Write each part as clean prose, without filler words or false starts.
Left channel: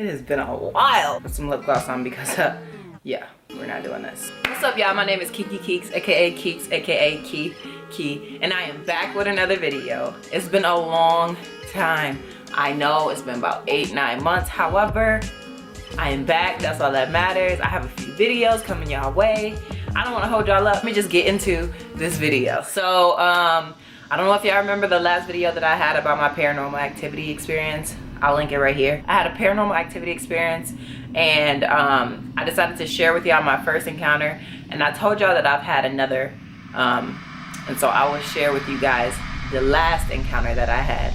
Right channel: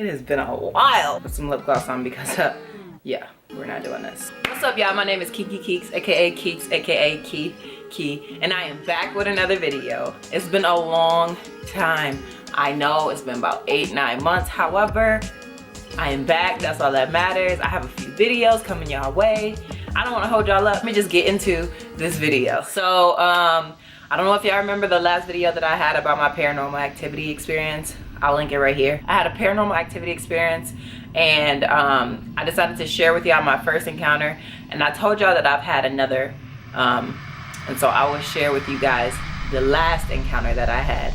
It has been a while. Put some lip gloss on because, yeah, we're not doing this. What's up, y'all? My name is Kinky Keeks, aka Keeks, aka Key, and I am back with another video. It's been a long time. I know it's been about 8-9 months. However, I am back. That's all that matters. I have a few videos coming y'all way. I don't want to hold y'all up. Let me just get into this video. So, I don't know if y'all remember the last video that I had about my paranormal activity experience. I'll link it right here. I had a paranormal activity experience, and I decided to share with y'all my first encounter, and I told y'all that I've had another, and so I will share with you guys the last encounter that I had.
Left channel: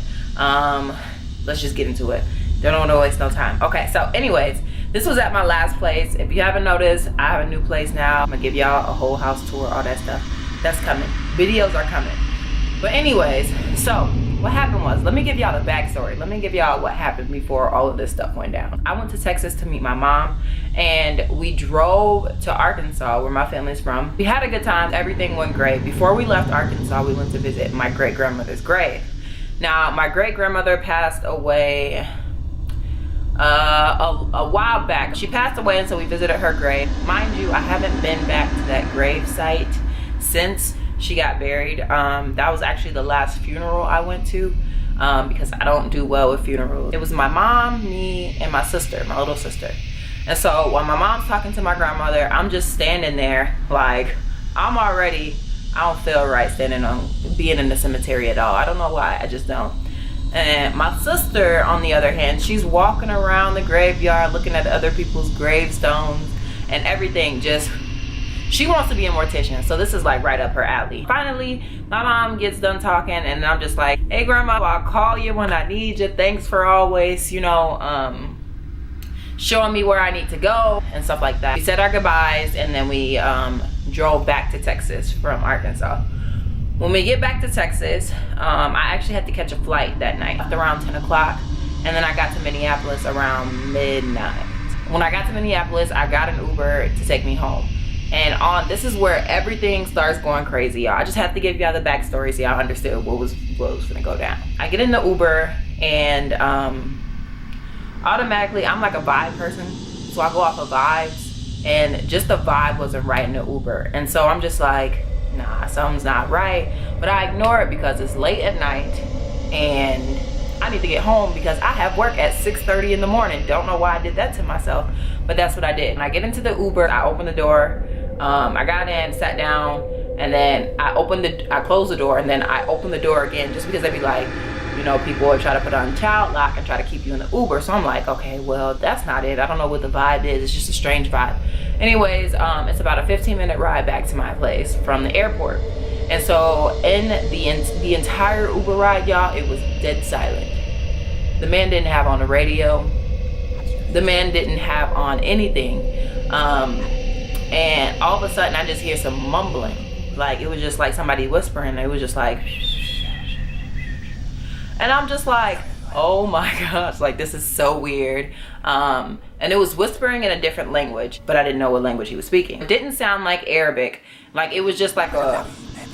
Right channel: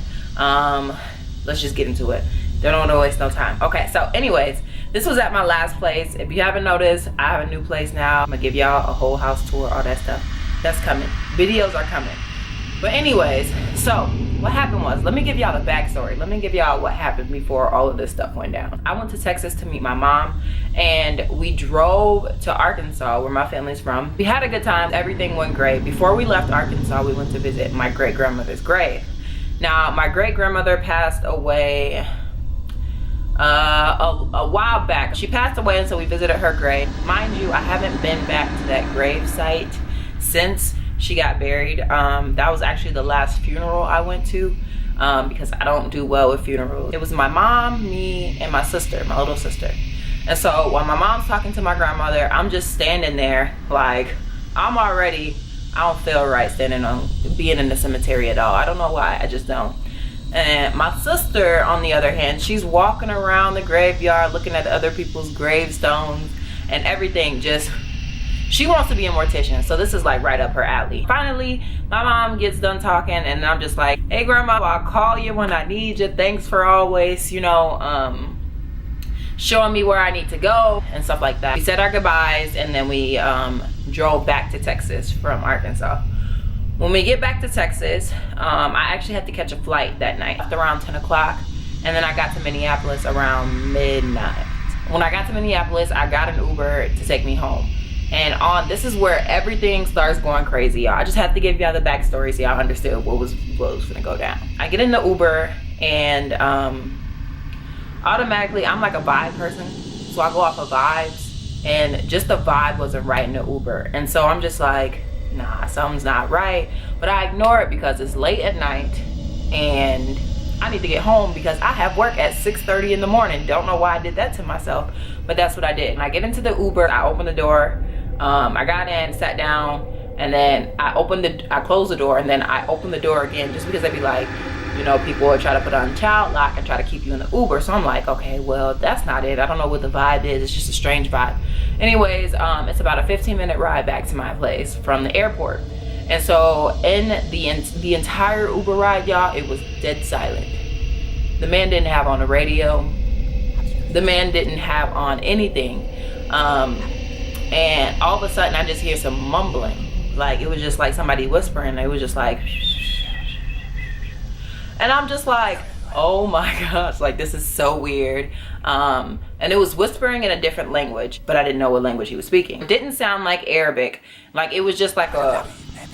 Let's just get into it. Don't want to waste no time. Okay, so anyways, this was at my last place. If you haven't noticed, I have a new place now. I'm gonna give y'all a whole house tour, all that stuff. That's coming. Videos are coming. But anyways, so what happened was, let me give y'all the backstory. Let me give y'all what happened before all of this stuff went down. I went to Texas to meet my mom, and we drove to Arkansas, where my family's from. We had a good time. Everything went great. Before we left Arkansas, we went to visit my great-grandmother's grave. Now, my great-grandmother passed away a while back. She passed away, and so we visited her grave. Mind you, I haven't been back to that grave site since she got buried. That was actually the last funeral I went to, because I don't do well with funerals. It was my mom, me, and my sister, my little sister. And so while my mom's talking to my grandmother, I'm just standing there like, I don't feel right being in the cemetery at all. I don't know why, I just don't. And my sister, on the other hand, she's walking around the graveyard looking at other people's gravestones and everything. She wants to be a mortician, so this is like right up her alley. Finally, my mom gets done talking, and I'm just like, hey grandma, I'll call you when I need you. Thanks for always, you know, showing me where I need to go and stuff like that. We said our goodbyes, and then we drove back to Texas from Arkansas. When we get back to Texas, I actually had to catch a flight that night after around 10 o'clock, and then I got to Minneapolis around midnight. When I got to Minneapolis, I got an Uber to take me home. And this is where everything starts going crazy, y'all. I just have to give y'all the backstory so y'all understood what was gonna go down. I get in the Uber, and automatically, I'm like a vibe person, so I go off of vibes, and just the vibe wasn't right in the Uber. And so I'm just like, nah, something's not right. But I ignore it because it's late at night, and I need to get home because I have work at 6:30 in the morning. Don't know why I did that to myself, but that's what I did. And I get into the Uber, I open the door, I got in, sat down, and then I closed the door, and then I opened the door again, just because I'd be like, you know, people would try to put on child lock and try to keep you in the Uber. So I'm like, okay, well, that's not it. I don't know what the vibe is. It's just a strange vibe. Anyways, it's about a 15-minute ride back to my place from the airport. And so in the entire Uber ride, y'all, it was dead silent. The man didn't have on the radio. The man didn't have on anything. And all of a sudden, I just hear some mumbling. Like, it was just like somebody whispering. It was just like, and I'm just like, oh my gosh, like, this is so weird. And it was whispering in a different language, but I didn't know what language he was speaking. It didn't sound like Arabic. Like, it was just like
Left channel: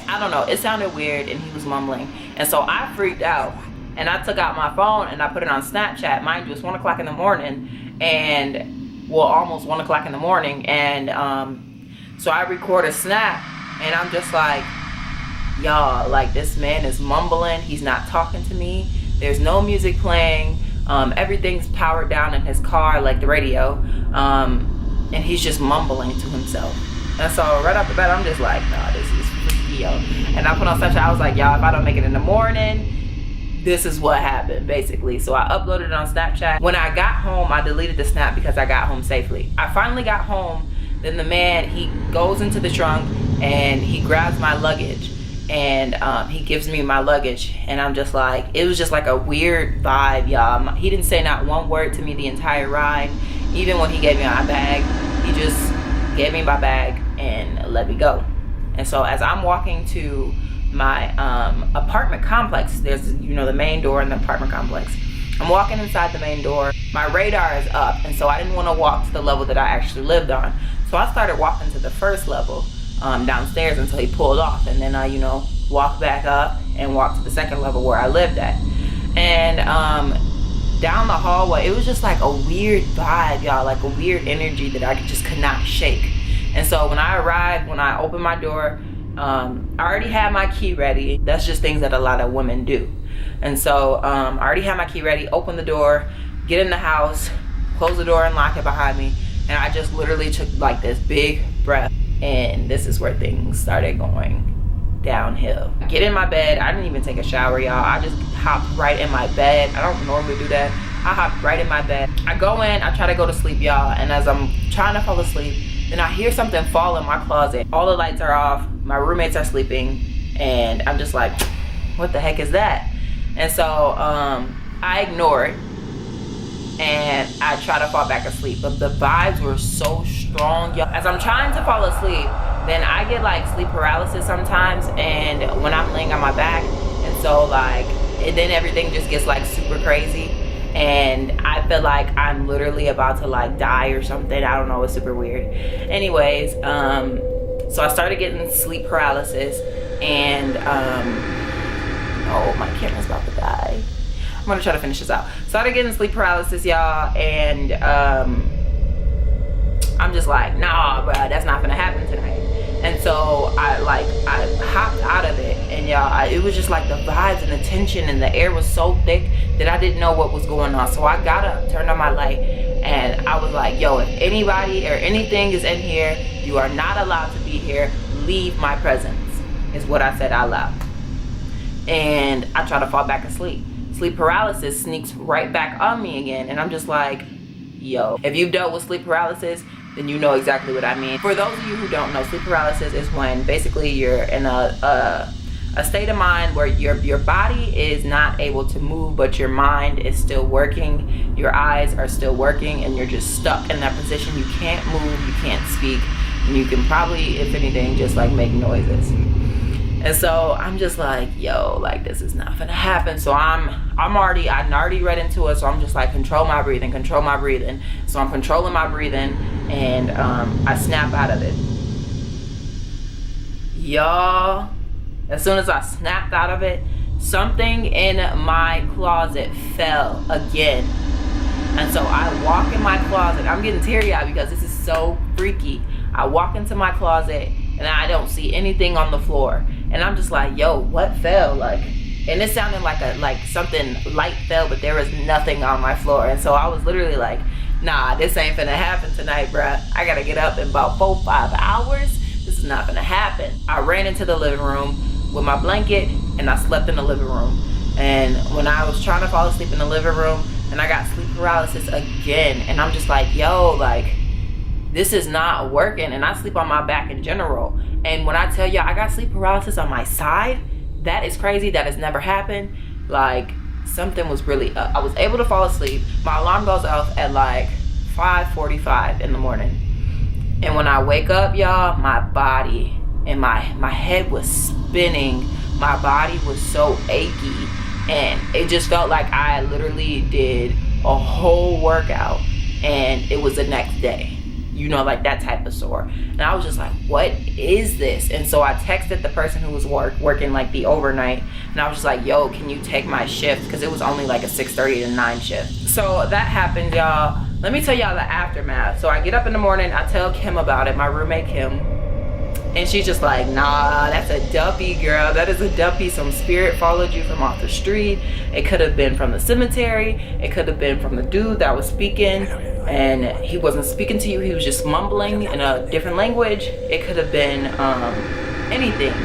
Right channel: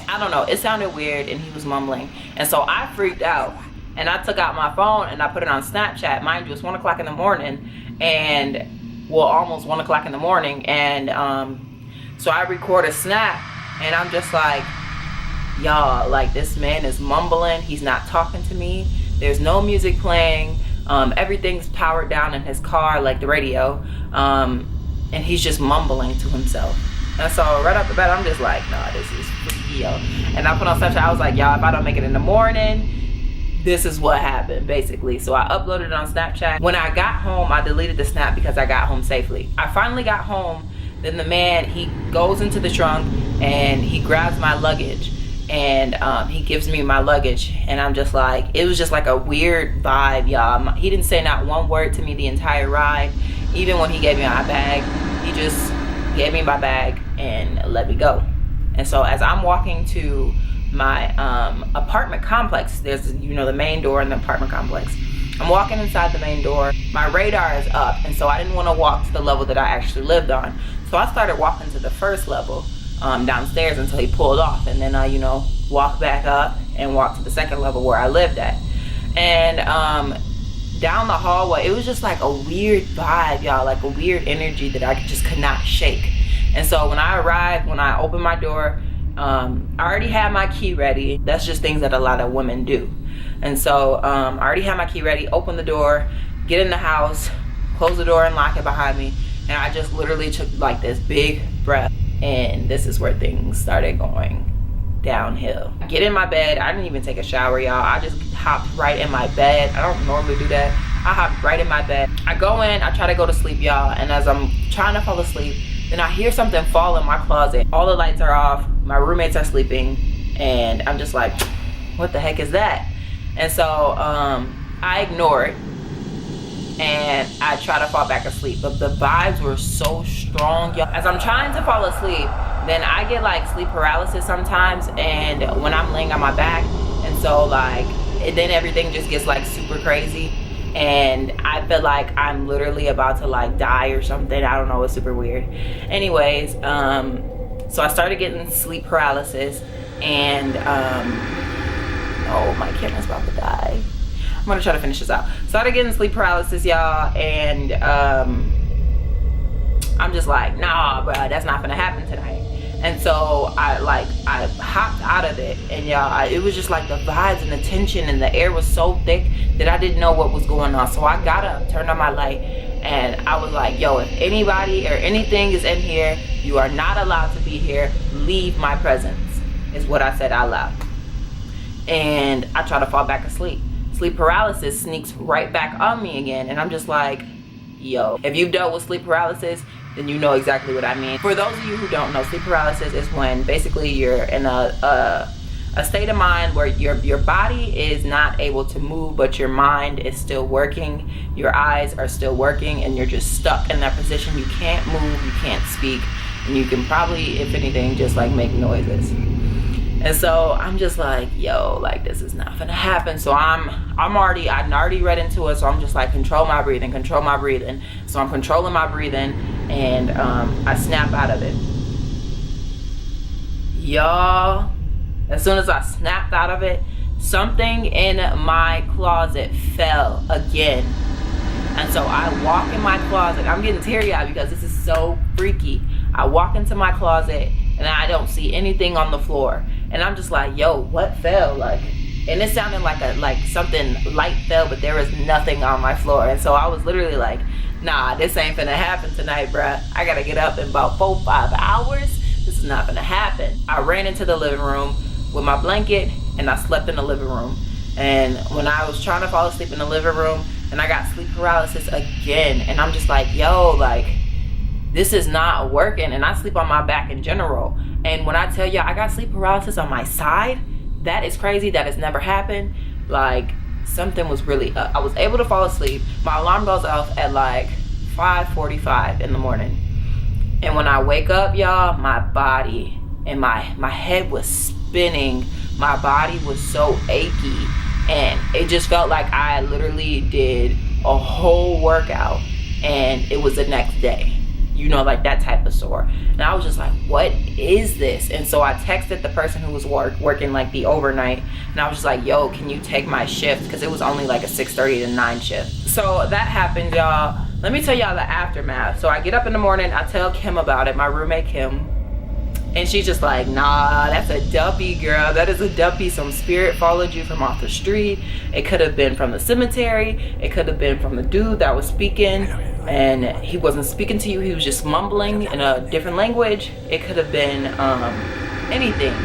I don't know, it sounded weird, and he was mumbling. And so I freaked out, and I took out my phone and I put it on Snapchat. Mind you, it's 1 o'clock in the morning, and well, almost 1 o'clock in the morning. And so I record a snap, and I'm just like, y'all, like, this man is mumbling. He's not talking to me. There's no music playing. Everything's powered down in his car, like the radio, and he's just mumbling to himself. And so right off the bat, I'm just like, nah, this is freaky, yo. And I put on Snapchat, I was like, y'all, if I don't make it in the morning, this is what happened, basically. So I uploaded it on Snapchat. When I got home, I deleted the snap because I got home safely. I finally got home. Then the man, he goes into the trunk, and he grabs my luggage, and he gives me my luggage. And I'm just like, it was just like a weird vibe, y'all. He didn't say not one word to me the entire ride. Even when he gave me my bag, he just gave me my bag and let me go. And so as I'm walking to my apartment complex, there's, you know, the main door in the apartment complex. I'm walking inside the main door. My radar is up, and so I didn't want to walk to the level that I actually lived on. So I started walking to the first level downstairs until he pulled off, and then I, you know, walked back up and walked to the second level where I lived at. And down the hallway, it was just like a weird vibe, y'all, like a weird energy that I just could not shake. And so when I arrived, when I opened my door, I already had my key ready. That's just things that a lot of women do. And so I already had my key ready, open the door, get in the house, close the door and lock it behind me. And I just literally took like this big breath. And this is where things started going downhill. Get in my bed. I didn't even take a shower, y'all. I just hopped right in my bed. I don't normally do that. I hopped right in my bed. I go in, I try to go to sleep, y'all. And as I'm trying to fall asleep, then I hear something fall in my closet. All the lights are off. My roommates are sleeping. And I'm just like, what the heck is that? And so I ignore it. And I try to fall back asleep, but the vibes were so strong, y'all. As I'm trying to fall asleep, then I get like sleep paralysis sometimes, and when I'm laying on my back, and so like then everything just gets like super crazy, and I feel like I'm literally about to like die or something. I don't know, it's super weird. Anyways, so I started getting sleep paralysis, and oh, my camera's about to die. I'm gonna try to finish this out. Started getting sleep paralysis, y'all, and I'm just like, nah, bro, that's not gonna happen tonight. And so I hopped out of it, and y'all, it was just like the vibes and the tension, and the air was so thick that I didn't know what was going on. So I got up, turned on my light, and I was like, yo, if anybody or anything is in here, you are not allowed to be here. Leave my presence, is what I said out loud. And I try to fall back asleep. Sleep paralysis sneaks right back on me again, and I'm just like, yo, if you've dealt with sleep paralysis, then you know exactly what I mean. For those of you who don't know, sleep paralysis is when basically you're in a state of mind where your body is not able to move, but your mind is still working, your eyes are still working, and you're just stuck in that position. You can't move, you can't speak, and you can probably, if anything, just like make noises. And so I'm just like, yo, like this is not gonna happen. So I'm already read into it. So I'm just like, control my breathing. So I'm controlling my breathing, and I snap out of it. Y'all, as soon as I snapped out of it, something in my closet fell again. And so I walk in my closet. I'm getting teary-eyed because this is so freaky. I walk into my closet, and I don't see anything on the floor. And I'm just like, yo, what fell? Like, and it sounded like something light fell, but there was nothing on my floor. And so I was literally like, nah, this ain't finna happen tonight, bruh. I gotta get up in about 4-5 hours. This is not gonna happen. I ran into the living room with my blanket, and I slept in the living room. And when I was trying to fall asleep in the living room, and I got sleep paralysis again, and I'm just like, yo, like, this is not working. And I sleep on my back in general. And when I tell you I got sleep paralysis on my side, that is crazy. That has never happened. Like, something was really up. I was able to fall asleep. My alarm goes off at like 5:45 in the morning. And when I wake up, y'all, my body and my head was spinning. My body was so achy. And it just felt like I literally did a whole workout, and it was the next day. You know, like that type of sore. And I was just like, what is this? And so I texted the person who was working like the overnight, and I was just like, yo, can you take my shift? Because it was only like a 6:30 to 9 shift. So that happened, y'all. Let me tell y'all the aftermath. So I get up in the morning, I tell Kim about it, my roommate Kim, and she's just like, nah, that's a duppy, girl. That is a duppy. Some spirit followed you from off the street. It could have been from the cemetery. It could have been from the dude that was speaking, and he wasn't speaking to you. He was just mumbling in a different language. It could have been anything.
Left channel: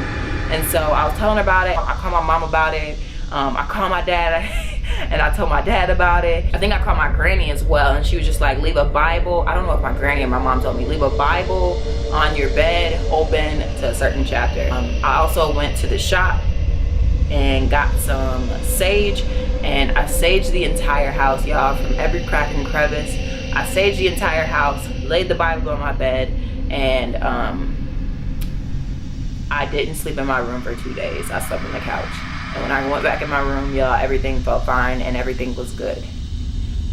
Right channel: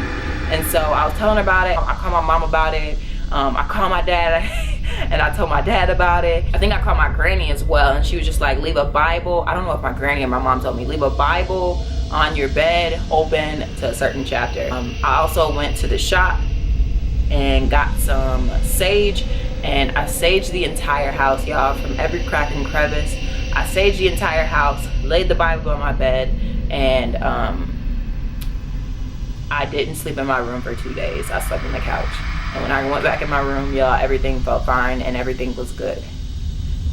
And so I was telling her about it. I called my mom about it. I called my dad and I told my dad about it. I think I called my granny as well, and she was just like, leave a Bible. I don't know if my granny or my mom told me, leave a Bible on your bed open to a certain chapter. I also went to the shop and got some sage, and I saged the entire house, y'all, from every crack and crevice. I saged the entire house, laid the Bible on my bed, and I didn't sleep in my room for 2 days. I slept on the couch. And when I went back in my room, y'all, everything felt fine and everything was good.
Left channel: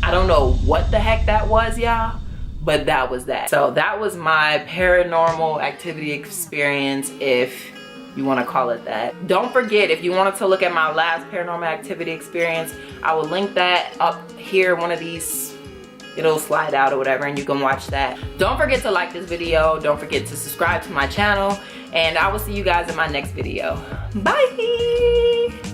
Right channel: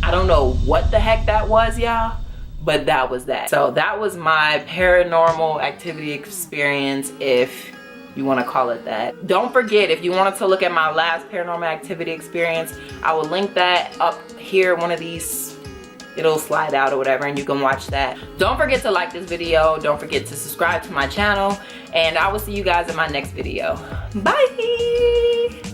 I don't know what the heck that was, y'all, but that was that. So that was my paranormal activity experience. If you want to call it that. Don't forget, if you wanted to look at my last paranormal activity experience, I will link that up here, one of these, it'll slide out or whatever, and you can watch that. Don't forget to like this video. Don't forget to subscribe to my channel, and I will see you guys in my next video. Bye.